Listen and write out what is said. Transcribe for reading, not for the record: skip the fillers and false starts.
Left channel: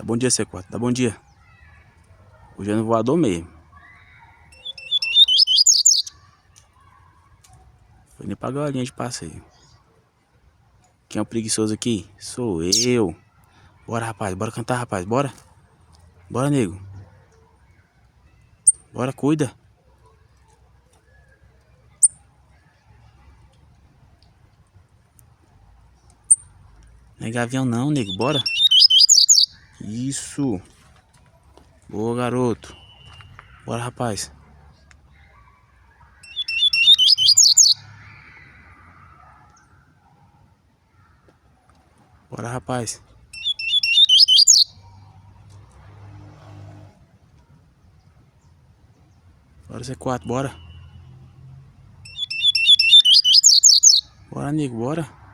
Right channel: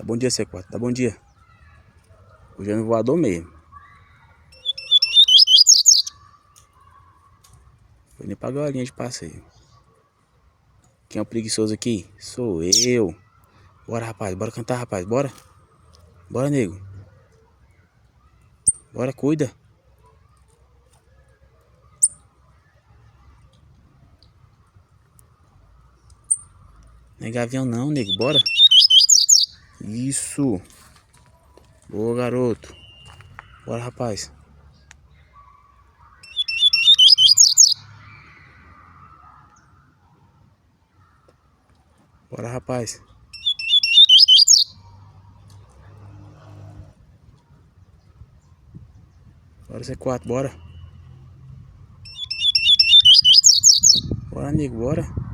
Dá bom dia, C4. Dá bom dia. Hoje é no voador mesmo. Foi nem pra galinha de passeio. Quem é o preguiçoso aqui? Sou eu. Bora, rapaz. Bora cantar, rapaz. Bora. Bora, nego. Bora, cuida. Não é gavião não, nego. Bora. Isso. Boa, garoto. Bora, rapaz. Bora, rapaz. Bora, C4. Bora. Bora, nego. Bora.